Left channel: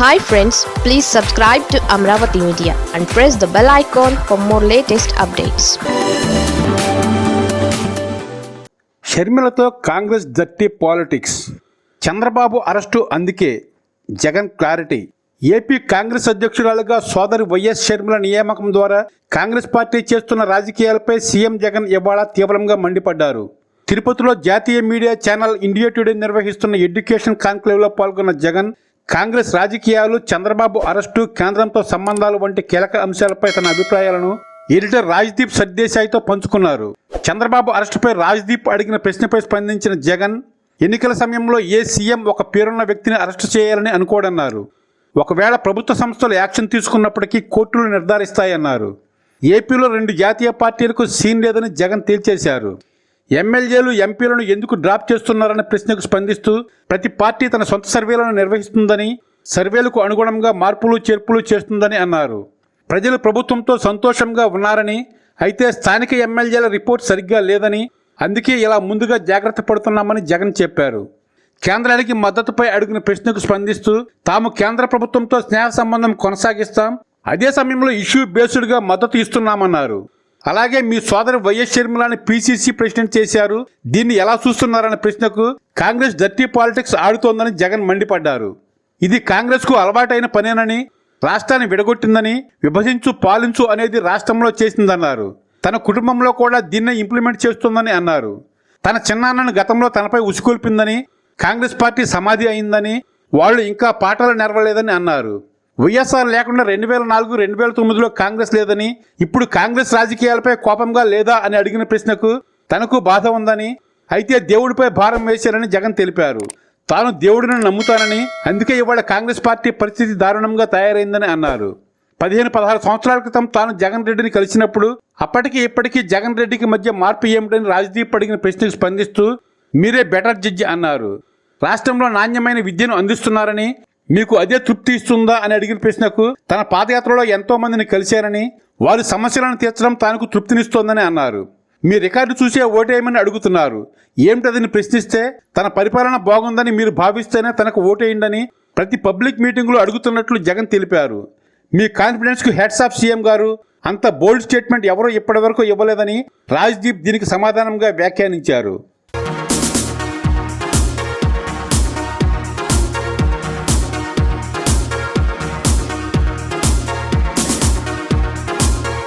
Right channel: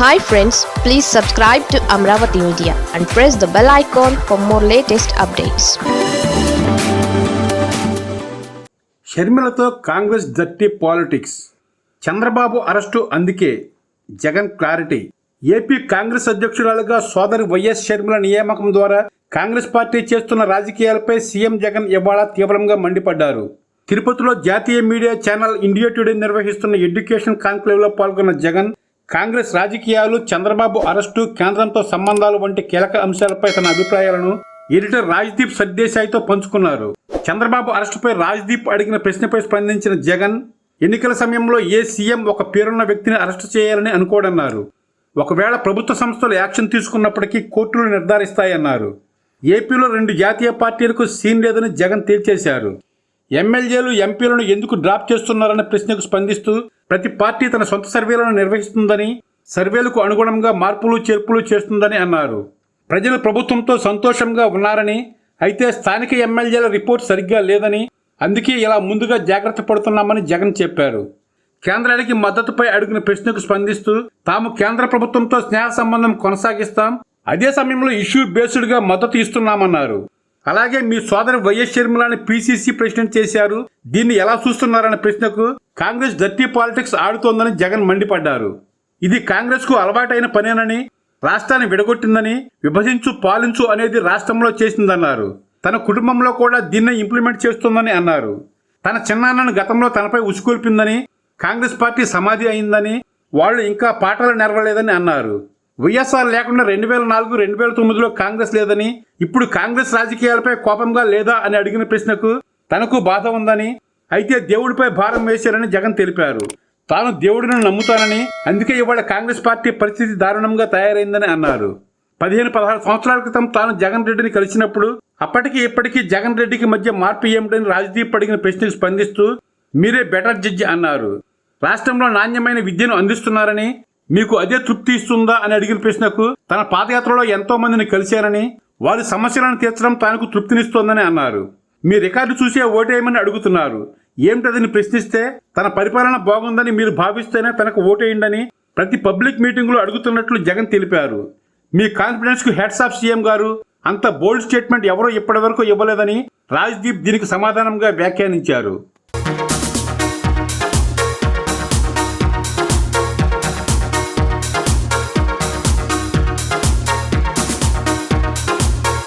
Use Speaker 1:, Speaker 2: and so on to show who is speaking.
Speaker 1: Hi friends please subscribe to Amaravati media and press the bell icon for more latest updates
Speaker 2: షర్మిలతో కాంగ్రెస్ దట్టి politics. Chandrababu arrest అందుకే Jagan clarity. AP Congress అధ్యక్షురాలుగా సోదరి YS Sharmila నియామకం ద్వారా కాంగ్రెస్ పార్టీ చేస్తున్న రాజకీయాలపై సీఎం జగన్ ఇవాళ తీవ్రంగా మండిపడ్డారు. తిరుపతిలో జాతీయ మీడియా ఛానల్ ఇండియా టుడే నిర్వహిస్తున్న ఎడ్యుకేషన్ కాన్క్లేవ్లో పాల్గొన్న జగన్ కాంగ్రెస్ రాజకీయాలు చంద్రబాబు అరెస్టు కేంద్రంతో సంబంధాలు వంటి కీలక అంశాలపై తన అభిప్రాయాలను ఎడిటర్ రాజ్దీప్ సర్దేశాయితో పంచుకున్నారు. చంద్రబాబు అరెస్టుపై రాజ్దీప్ అడిగిన ప్రశ్నపై స్పందించిన జగన్ ఎన్నికల సమయంలో ఏ సీఎం ఒక పేరున్న వ్యక్తిని అరెస్టు చేయాలని అనుకోడన్నారు. ఒకవేళ ప్రభుత్వ సంస్థలు యాక్షన్ తీసుకున్నప్పటికీ కోర్టులు నిర్ధారిస్తాయన్నారు. ఏపీలో రెండు జాతీయ పార్టీలకు సీన్ లేదని జగన్ తేల్చేశారు. ఎమ్మెల్యేలు ఎంపీలను ఎందుకు డ్రాప్ చేస్తున్నారనే ప్రశ్నకు స్పందిస్తూ ప్రతి పార్టీ తన సొంత సర్వేలను నిర్వహిస్తుందని సర్వేలకు అనుగుణంగా మార్పులు చేర్పులు చేస్తుందని అన్నారు. ప్రజలు ప్రభుత్వంతో సంతోషంగా ఉన్నారని అయితే స్థానిక ఎమ్మెల్యేల రిపోర్ట్ సరిగ్గా లేదని అందుకే ఇలా ముందుగా జాగ్రత్త పడుతున్నామని జగన్ చెప్పారు. కేంద్రానికి మద్దతుపై అడిగిన ప్రశ్నకు స్పందిస్తూ తాము కేంద్ర ప్రభుత్వంతో స్నేహ సంబంధం కొనసాగిస్తాం అదే సమయంలో ఇష్యూ బేస్డ్గా మద్దతు ఇస్తున్నామన్నారు. అలాగే మీ సోదరు వైఎస్ షర్మిలాని పీసీసీ ప్రెసిడెంట్ చేశారు. దీన్ని ఎలా చూస్తున్నారనే ప్రశ్నకు కాంగ్రెస్ డర్టీ పాలిటిక్స్ ఆడుతోందని జగన్ మండిపడ్డారు. ఇది కాంగ్రెస్కు అలవాటైన పనేనని రాష్ట్రాన్ని విడగొట్టిందని విభజించు పాలించు అనేది రాష్ట్రంలో చేసిందన్నారు. తన కుటుంబంలో కూడా దీన్నే ఇంప్లిమెంట్ చేస్తుందని అన్నారు. తన చిన్నాన్నను గతంలో తనపై ఉసుకొల్పిందని కాంగ్రెస్ పార్టీ సమాధి అయిందని వాళ్ళు ఇంకా పాటలు నెరవలేదని అన్నారు. వైఎస్ఆర్ లేకుండా రెండు వేల నాలుగు రెండు వేల తొమ్మిదిలో కాంగ్రెస్ లేదని ఇప్పుడు కాంగ్రెస్ రాజకీయాలపై కోపంగా లేదా అని అడిగిన ప్రశ్నకు తనకు బాధ ఉందని అయితే దేవుడిపై భారం వేశారని జగన్ తెలిపారు. తాను దేవుడిని నమ్ముతానని అందుకే ఇవాళ కాంగ్రెస్ పార్టీ పరిస్థితి దారుణంగా తయారైందని అన్నారు. పదిహేను పదహారు సంవత్సరాల క్రితం తాను జగన్ రెడ్డిని కలిసినప్పుడు అప్పటికి ఇప్పటికీ జగన్ రెడ్డికి మధ్య మార్పు ఏమిటని రాజదీప్ అడిగిన ప్రశ్నకు స్పందిస్తూ మీరే బెటర్ జడ్జి అన్నారు. రాష్ట్రంలో నాణ్యమైన విద్యను అందిస్తున్నారని మీకు అదే తృప్తి ఇస్తుందా అని అడిగిన ప్రశ్నకు తన పాదయాత్రలో ఎంతో మందిని కలిశారని వారి సమస్యలను తీర్చడం తనకు తృప్తినిస్తోందని అన్నారు. మీ రికార్డు చూసే ఓటేయమని అడుగుతున్నారు. ఏమిటదని ప్రశ్నిస్తే తన పరిపాలన బాగుందని మీరు భావిస్తేనే తనకు ఓటేయండని ప్రతి పబ్లిక్ మీటింగులో అడుగుతున్నట్లు జగన్ తెలిపారు. మీ కాన్ఫిడెన్స్కు హెడ్స్ ఆఫ్ సీఎం గారు అంత బోల్డ్ స్టేట్మెంట్ ఎవరూ ఇప్పటివరకు ఇవ్వలేదని రాజ్దీప్ దీనికి సమాధానంగా వ్యాఖ్యానించారు.